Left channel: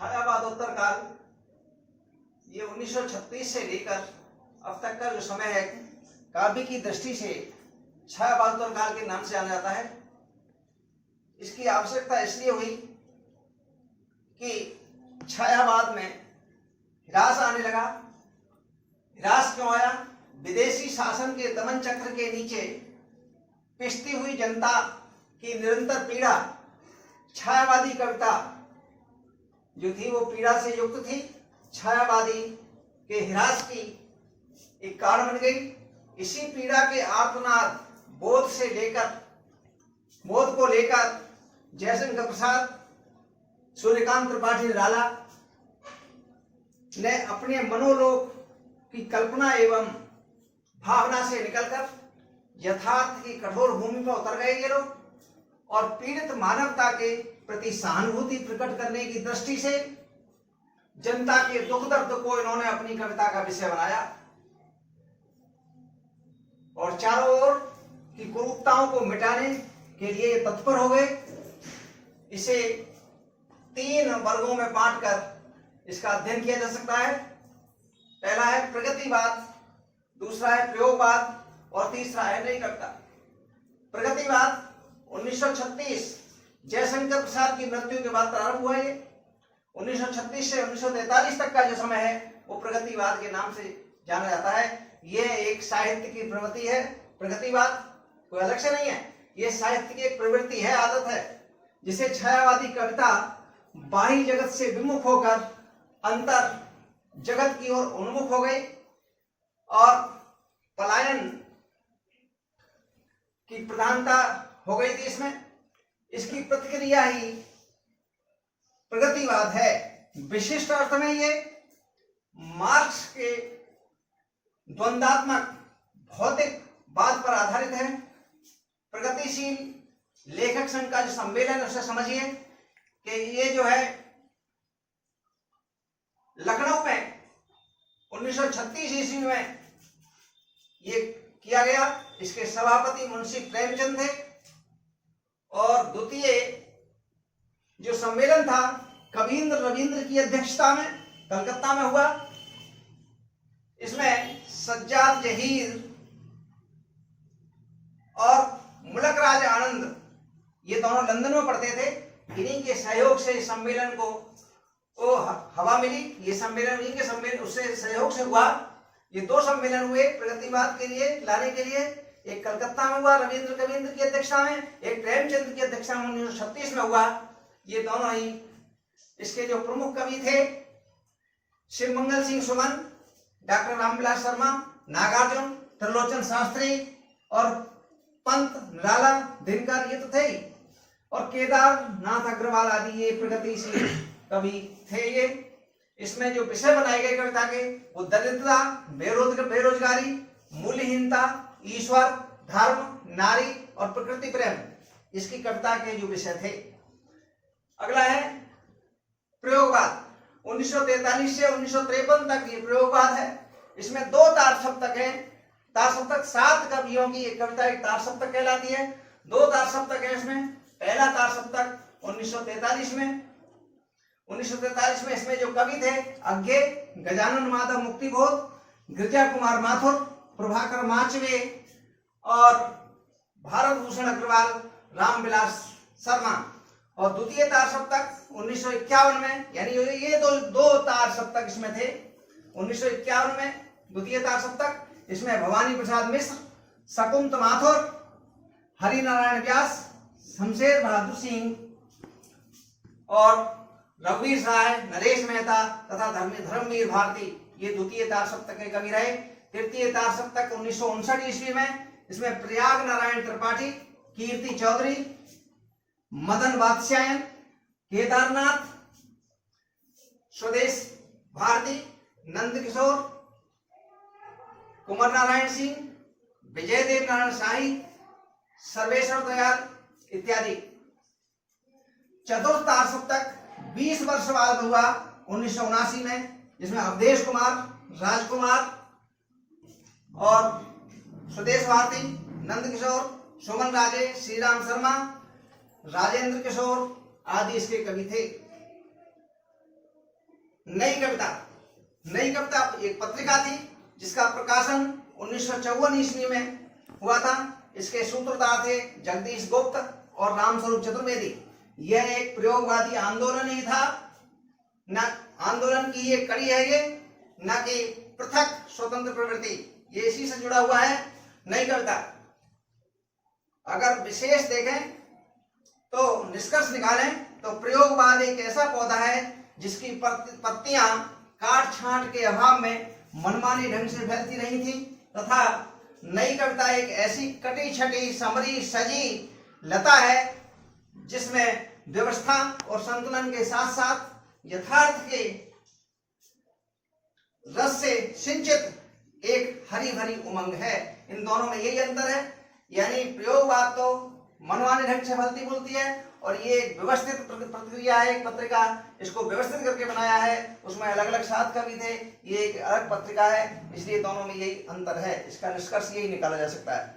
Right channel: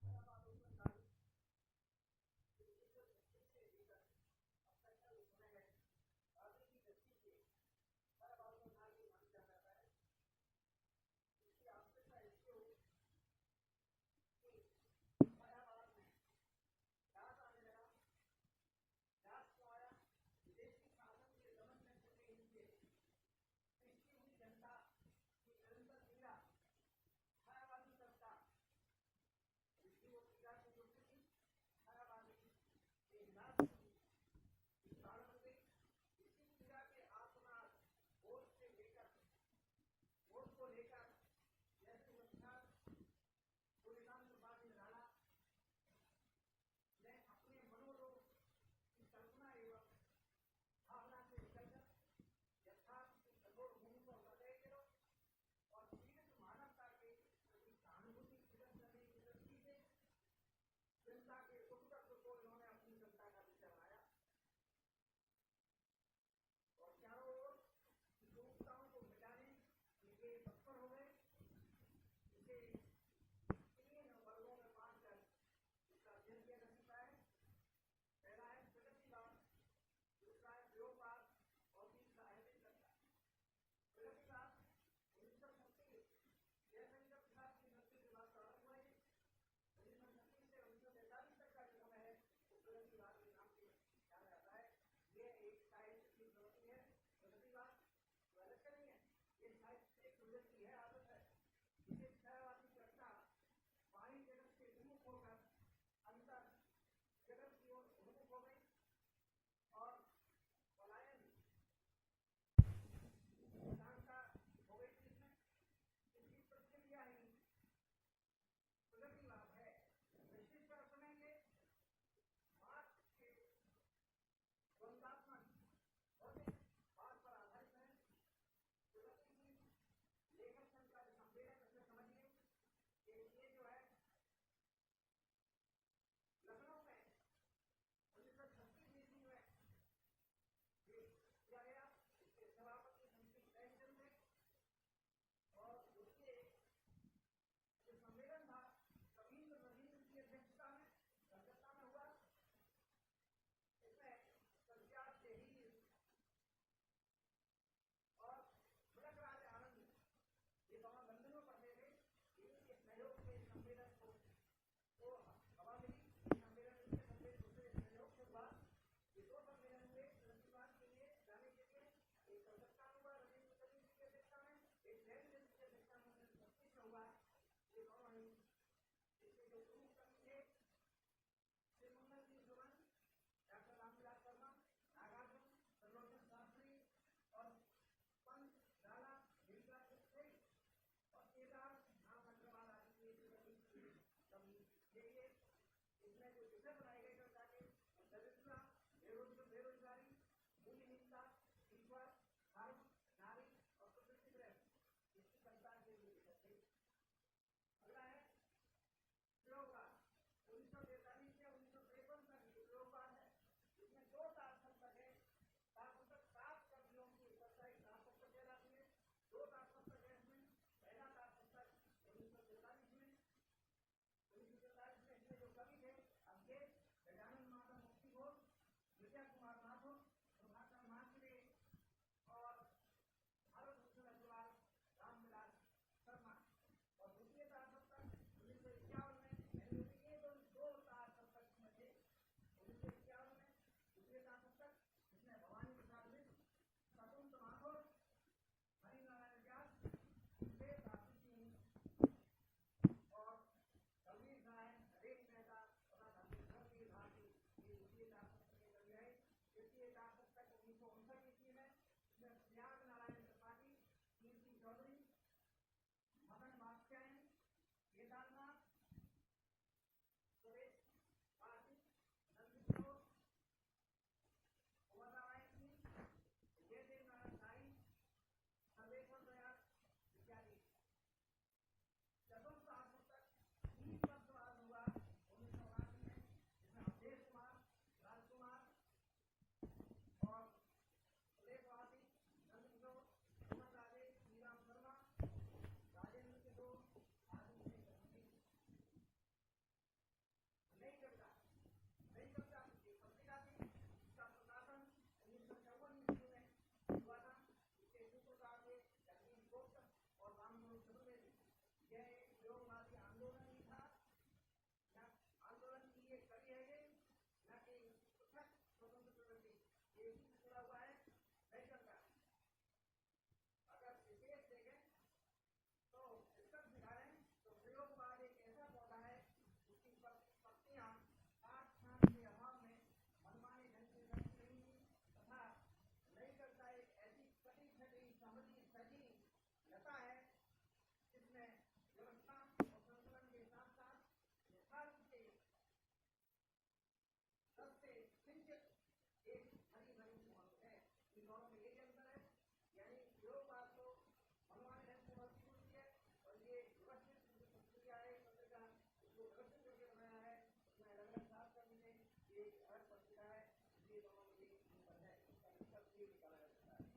छायावादोत्तर काल, ये 1936 से लेकर अब तक का जो समय है, काव्य की दृष्टि से छायावादोत्तर काल के नाम से जाना जाता है। इसकी आवश्यकता इसलिए हुई कि छायावाद में ह्रास आने लगा। ह्रास क्यों आया? विदेशी शासन के दमन चक्र के नीचे पिसती हुई जनता की निरंतर पीड़ा, छायावादी कविता जो थी वो पीड़ा से युक्त थी, छायावादी के ह्रास की एक कारण बन गई। इसी पीड़ा के आर्तनाद बोध को लेकर जयशंकर प्रसाद, सूर्यकांत त्रिपाठी निराला ने अपने मनोलोक की कल्पना एवं भावना से निकलकर यथार्थ की कठोर भूमि पर उतर गए ये लोग, और पीड़ित मानवता के प्रति सहानुभूति प्रकट करने की दृष्टि से जनता के दुख दर्द को इन्होंने अपनी कविता का विषय बनाया और चारों ओर की कुरूपताओं को मिटाने के लिए तत्पर हो गए। इसे 3 वर्गों में बांटकर इसका अध्ययन किया जा सकता है। पहला है प्रगतिवाद, दूसरा है प्रयोगवाद और तीसरा है नई कविता। प्रगतिवाद 1936 जयशंकर प्रसाद की मृत्यु के बाद प्रारंभ हुआ। ये 1936 से 1943 तक का जो समय है वो प्रगतिवाद के नाम से जाना जाता है। ये एक साहित्य की प्रवृत्ति है। प्रगतिवाद कोई अलग से नहीं है, ये साहित्य की एक प्रवृत्ति है, आदत है, जिसे छायावादी कविता बाह्य जगत से विमुख होकर अंतर जगत की ओर उन्मुख हो गई और पलायन की प्रधानता हो गई थी इसमें। इसकी प्रतिक्रिया ही प्रगतिवाद है। विशिष्ट अर्थ में ये मार्क्स के द्वंद्वात्मक भौतिकवाद पर आधारित है। प्रगतिशील लेखक संघ का जो सम्मेलन है उसे समझिए कि ये जो है लखनऊ में 1936 ईस्वी में ये किया गया। इसके सभापति मुंशी प्रेमचंद थे और द्वितीय जो सम्मेलन था कवींद्र रविंद्र की अध्यक्षता में कलकत्ता में हुआ। इसमें सज्जाद जहीर और मुलक राज आनंद ये दोनों लंदन में पढ़ते थे। इन्हीं के सहयोग से इस सम्मेलन को हवा मिली। ये सम्मेलन इन्हीं के सम्मेलन उससे सहयोग से हुआ। ये 2 सम्मेलन हुए प्रगतिवाद के लिए लाने के लिए। एक कलकत्ता में हुआ रविंद्र कविंद्र की अध्यक्षता में, एक प्रेमचंद की अध्यक्षता में 1936 में हुआ। ये दोनों ही इसके जो प्रमुख कवि थे शिवमंगल सिंह सुमन, डॉक्टर रामविलास शर्मा, नागार्जुन, त्रिलोचन शास्त्री और पंत निराला दिनकर, ये तो थे ही, और केदारनाथ अग्रवाल आदि ये प्रगतिशील कवि थे। ये इसमें जो विषय बनाए गए कविता के वो दरिद्रता, बेरोजगारी, मूल्यहीनता, ईश्वर, धर्म, नारी और प्रकृति प्रेम, इसकी कविता के जो विषय थे। अगला है प्रयोगवाद। 1943 से 1953 तक ये प्रयोगवाद है। इसमें 2 तार सप्तक हैं। तार सप्तक 7 कवियों की एक कविता एक तार सप्तक कहलाती है। 2 तार सप्तक है इसमें। पहला तार सप्तक 1943 में। 1943 में इसमें जो कवि थे अज्ञे, गजानन माधव मुक्तिबोध, गिरिजा कुमार माथुर, प्रभाकर माचवे और भारत भूषण अग्रवाल, रामविलास शर्मा। और द्वितीय तार सप्तक 1951 में, यानी ये दो तार सप्तक इसमें थे। 1951 में द्वितीय तार सप्तक, इसमें भवानी प्रसाद मिश्र, शकुंत माथुर, हरिनारायण व्यास, शमशेर बहादुर सिंह और रघुवीर राय, नरेश मेहता तथा धर्मवीर भारती ये द्वितीय तार सप्तक के कवि रहे। तृतीय तार सप्तक 1959 ईस्वी में, इसमें प्रयाग नारायण त्रिपाठी, कीर्ति चौधरी, मदन वात्स्यायन, केदारनाथ, स्वदेश भारती, नंद किशोर, कुमार नारायण सिंह, विजय देव नारायण शाही, सर्वेश्वर दयाल इत्यादि। चतुर्थ तार सप्तक 20 वर्ष बाद हुआ 1979 में, जिसमें अवधेश कुमार, राजकुमार और स्वदेश भारती, नंद किशोर, सुमन राजे, श्रीराम शर्मा, राजेंद्र किशोर आदि इसके कवि थे। नई कविता। नई कविता एक पत्रिका थी जिसका प्रकाशन 1954 ईस्वी में हुआ था। इसके सूत्रधार थे जगदीश गुप्त और रामस्वरूप चतुर्वेदी। यह एक प्रयोगवादी आंदोलन ही था, न आंदोलन की ये कड़ी है ये, न कि पृथक स्वतंत्र प्रवृत्ति। ये इसी से जुड़ा हुआ है नई कविता। अगर विशेष देखें तो निष्कर्ष निकालें तो प्रयोगवाद एक ऐसा पौधा है जिसकी पत्तियां काट छांट के अभाव में मनमानी ढंग से फैलती रही थी, तथा नई कविता एक ऐसी कटी छटी समरी सजी लता है जिसमें व्यवस्था और संतुलन के साथ साथ यथार्थ के रस से सिंचित एक हरी भरी उमंग है। इन दोनों में यही अंतर है, यानी प्रयोगवाद तो मनमाने ढंग से फलती फूलती है और ये एक व्यवस्थित प्रक्रिया है। एक पत्रिका इसको व्यवस्थित करके बनाया है, उसमें अलग अलग साथ कवि थे, ये एक अलग पत्रिका है, इसलिए दोनों में यही अंतर है। इसका निष्कर्ष यही निकाला जा सकता है।